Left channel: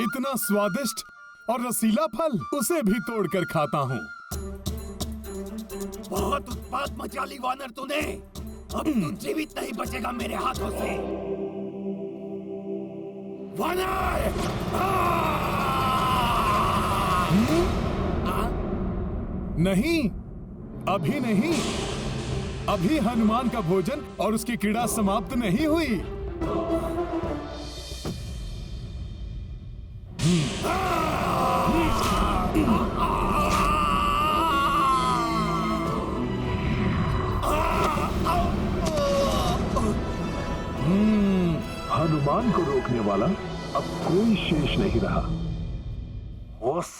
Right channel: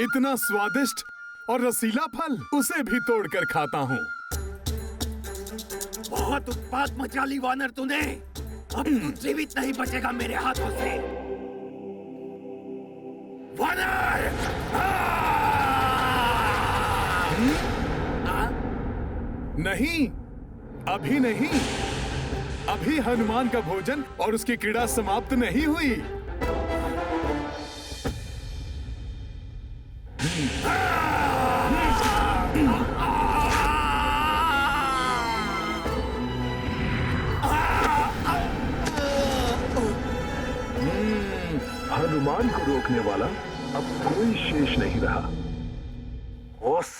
इतना स्वादिष्ट और रसीला फल, उसे भी तोड़कर खाता हूँ। बहुत उत्पात मचा ली वानर तूने। अब तू जीवित नहीं बचेगा मेरे हाथों से। वानर! नहीं, अभी नहीं। अभी हनुमान का भोजन और उसकी क्रीड़ा समाप्त नहीं हुई। हनुमान को रोकने वाला अब कोई शेष नहीं रहा। उस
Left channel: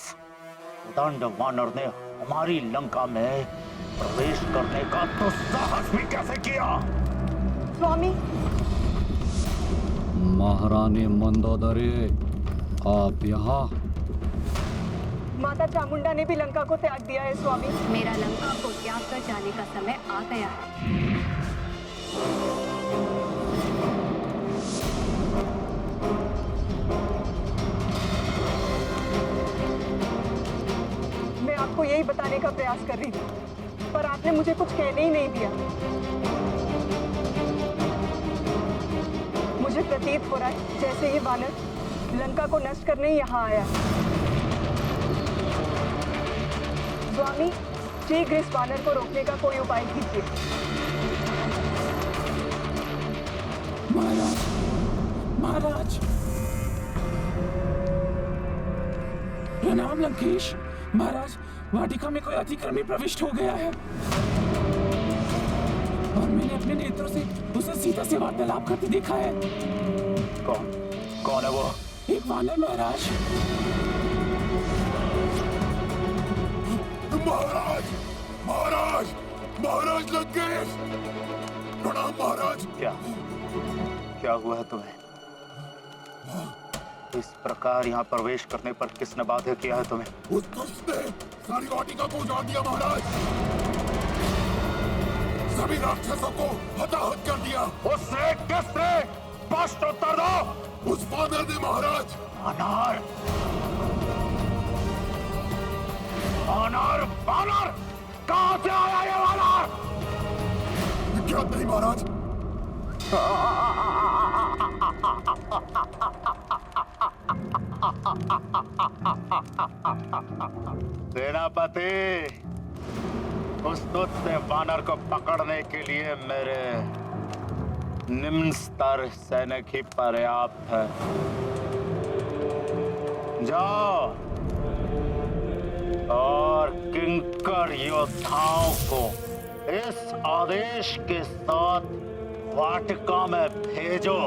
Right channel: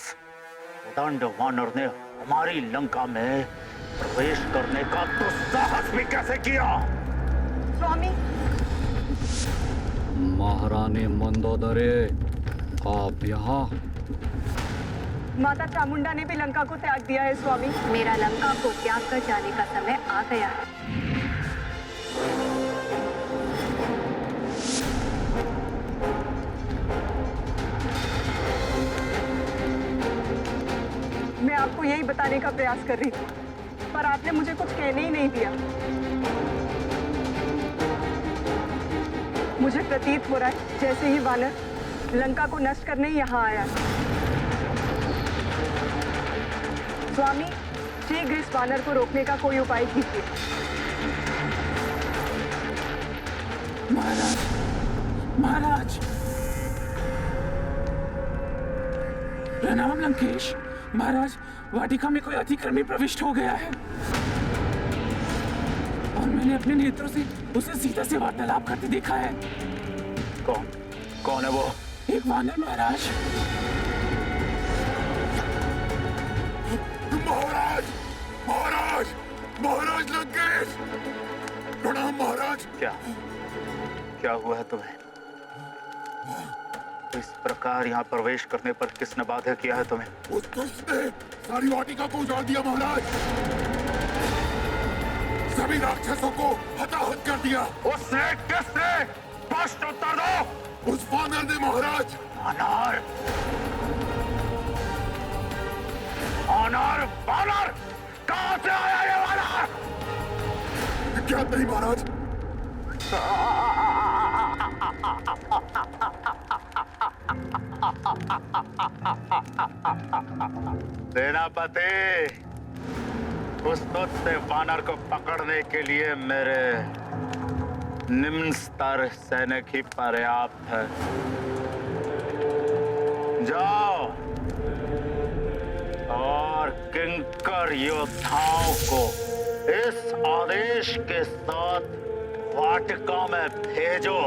उदंड वानर ने हमारी लंका में प्रवेश करने का तो साहस भी कैसे किया? स्वामी, महारानी मंदोदरी, आप यहाँ? माता चामुंडा ने भी लंका को त्याग दिया है स्वामी। मेरा लंका को त्याग कर जाने का समय आ गया है। मैं आपको यही बताने का प्रयास कर रही थी, पर आपने मुझे कुछ कहने ही नहीं दिया। मुझे प्रतीत हो रहा है जैसे ही वानर लंका को नष्ट करने ही यहाँ आया। स्वामी, शीघ्र इस वानर को रोकने का कोई उपाय कीजिए। महाराज, महाराज, प्रणाम लंकेश। महाराज, वाटिका में कोई अतिक्रमी प्रविष्ट हो गया है और मैंने अपने नेत्रों से उसे सीता से वार्तालाप करते देखा है। कौन कौन है वो? एक वानर महाराज। महाराज, महाराज, महाराज लंकेश, प्रणाम महाराज। क्या हुआ है तुम्हें? इस प्रकार यहाँ प्रवेश करने पर किसने बाध्य किया है तुम्हें? उस दुष्ट ने सारी वाटिका को उजाड़ दिया महाराज। सभी राक्षसों को हताहत कर दिया। उसने? किसने? स्पष्ट उत्तर दो। उस वानर ने महाराज। वानर? वानर? वानर? कहाँ से आया ये वानर? ज्ञात नहीं महाराज। सेनापति, उस दुष्ट वानर को पकड़ने के लिए मेरे निम्न स्तर सैनिक ही पर्याप्त है। जाओ और किंकर योद्धाओं को इस आदेश के साथ वाटिका में भेजो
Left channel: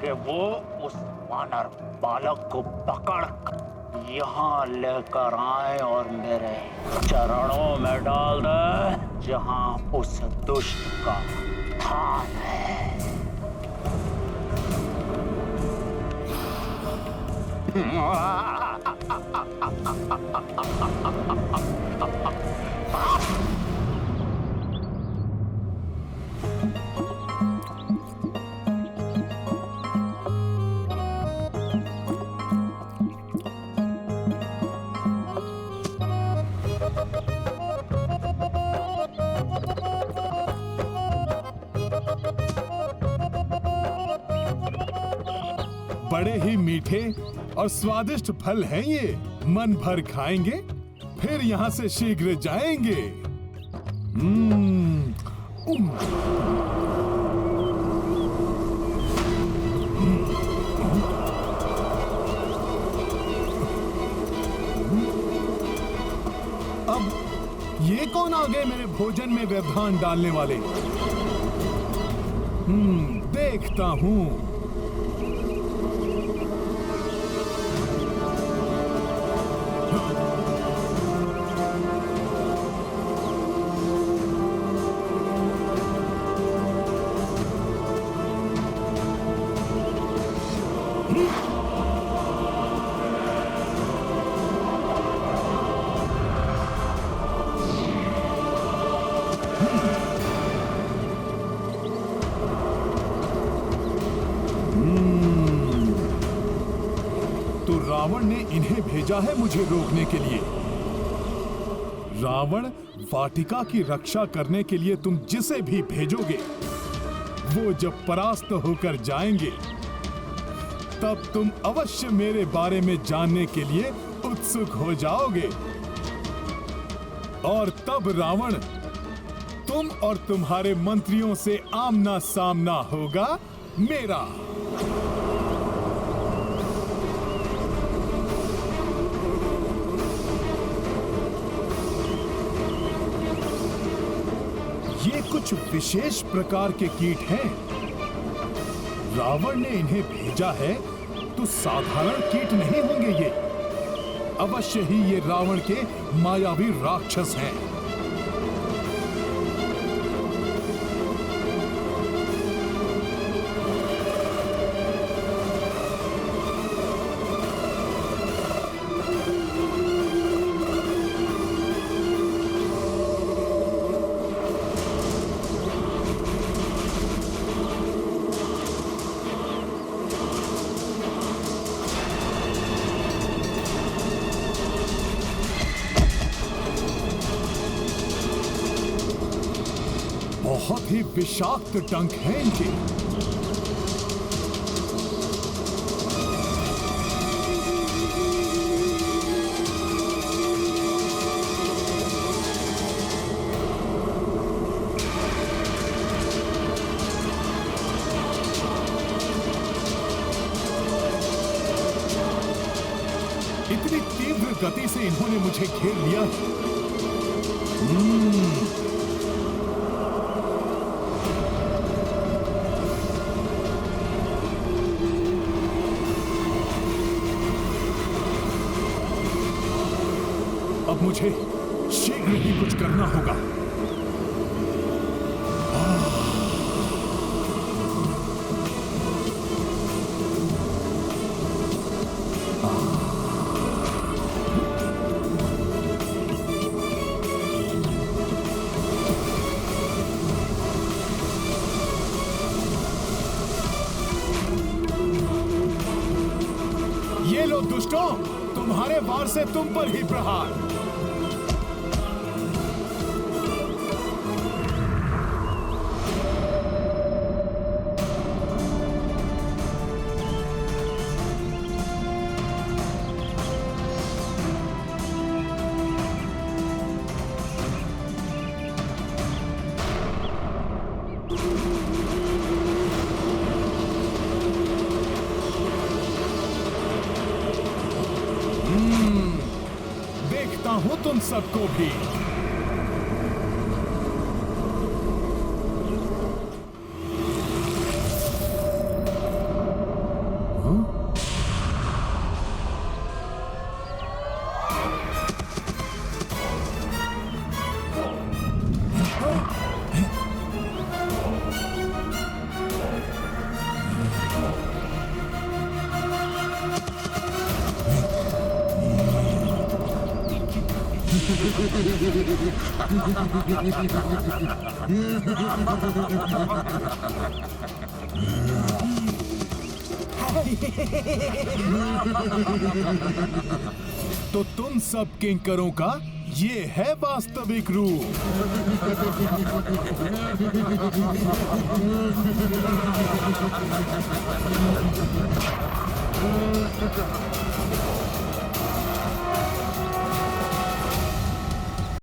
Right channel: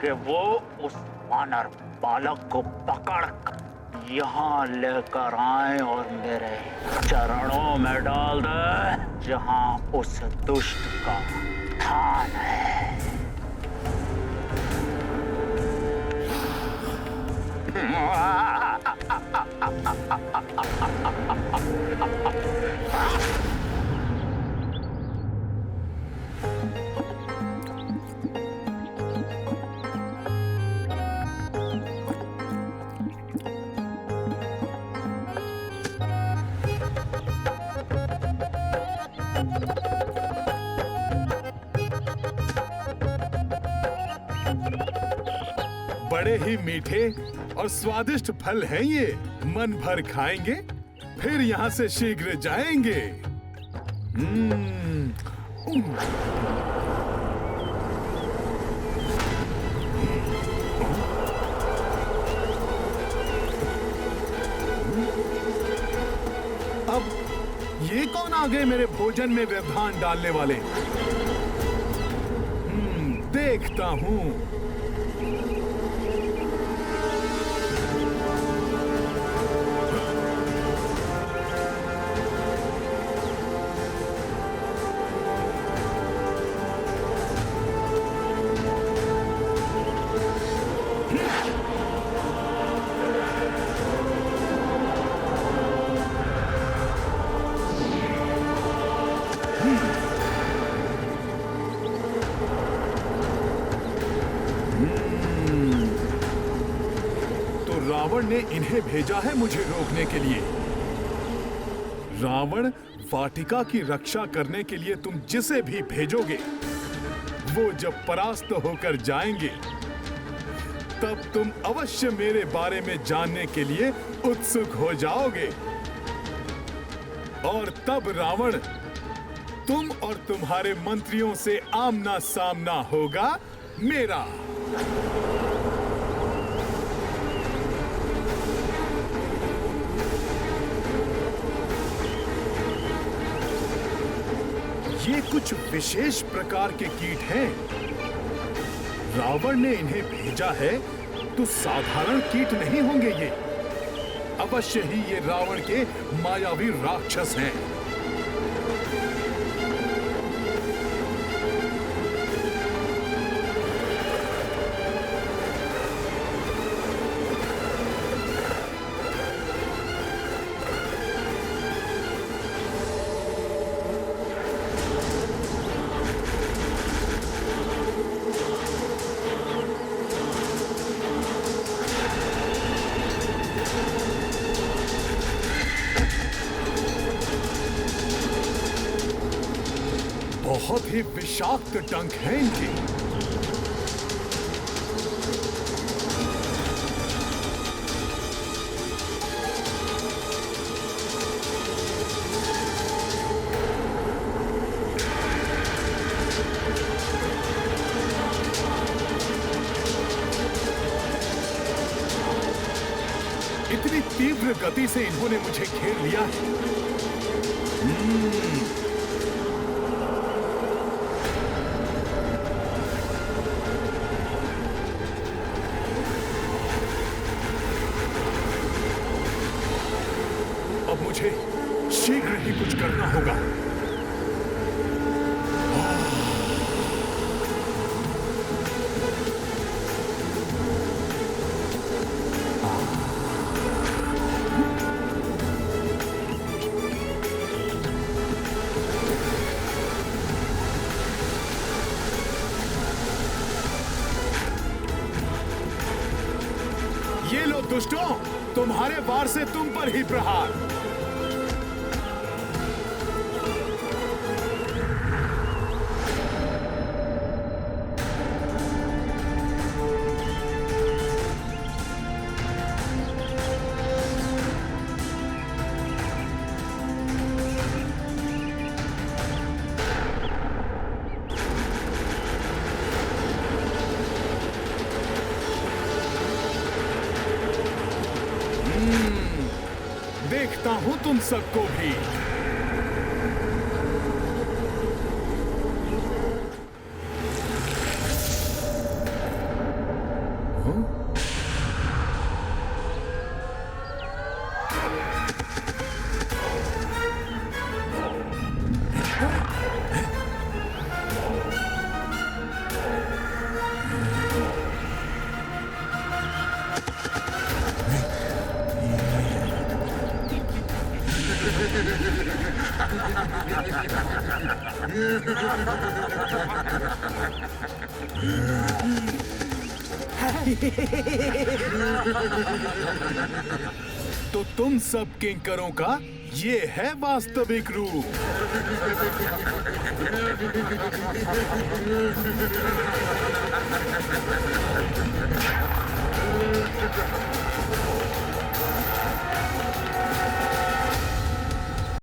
कि वो उस वानर बालक को पकड़ यहाँ लेकर आए और मेरे चरणों में डाल दे, जहाँ उस दुष्ट का स्थान है। बड़े ही मीठे और स्वादिष्ट फल हैं ये। मन भर खाएंगे, फिर यहाँ से शीघ्र जाएंगे। अब ये कौन आ गए मेरे भोजन में व्यवधान डालने वाले? देखता हूँ। तो रावण ने इन्हें भेजा है मुझे रोकने के लिए। रावण वाटिका की रक्षा करने के लिए तुम जिसे भी भेजोगे, वो जब परास्त होकर जाएंगे, तब तुम अवश्य मेरे बारे में जानने के लिए उत्सुक हो जाओगे। और तब रावण तुम और तुम्हारे मंत्रियों से आमना सामना होगा मेरा। ये कुछ विशेष प्रकार के कीट हैं। रावण ने इन्हें भेजा है तो साधारण कीट नहीं होंगे ये। अवश्य ही ये रावण के मायावी राक्षस हैं। बहुत ही विषाक्त डंक हैं इनके। इतनी तीव्र गति से इन्होंने मुझे घेर लिया है। अब मुझे शीघ्र ही कुछ करना होगा। ये लो दुष्टों, तुम्हारे वार से तुम पर ही प्रहार। देखता हूं तुम सबको भी। तो तुम सब किंकरों का ये है वास्तविक रूप।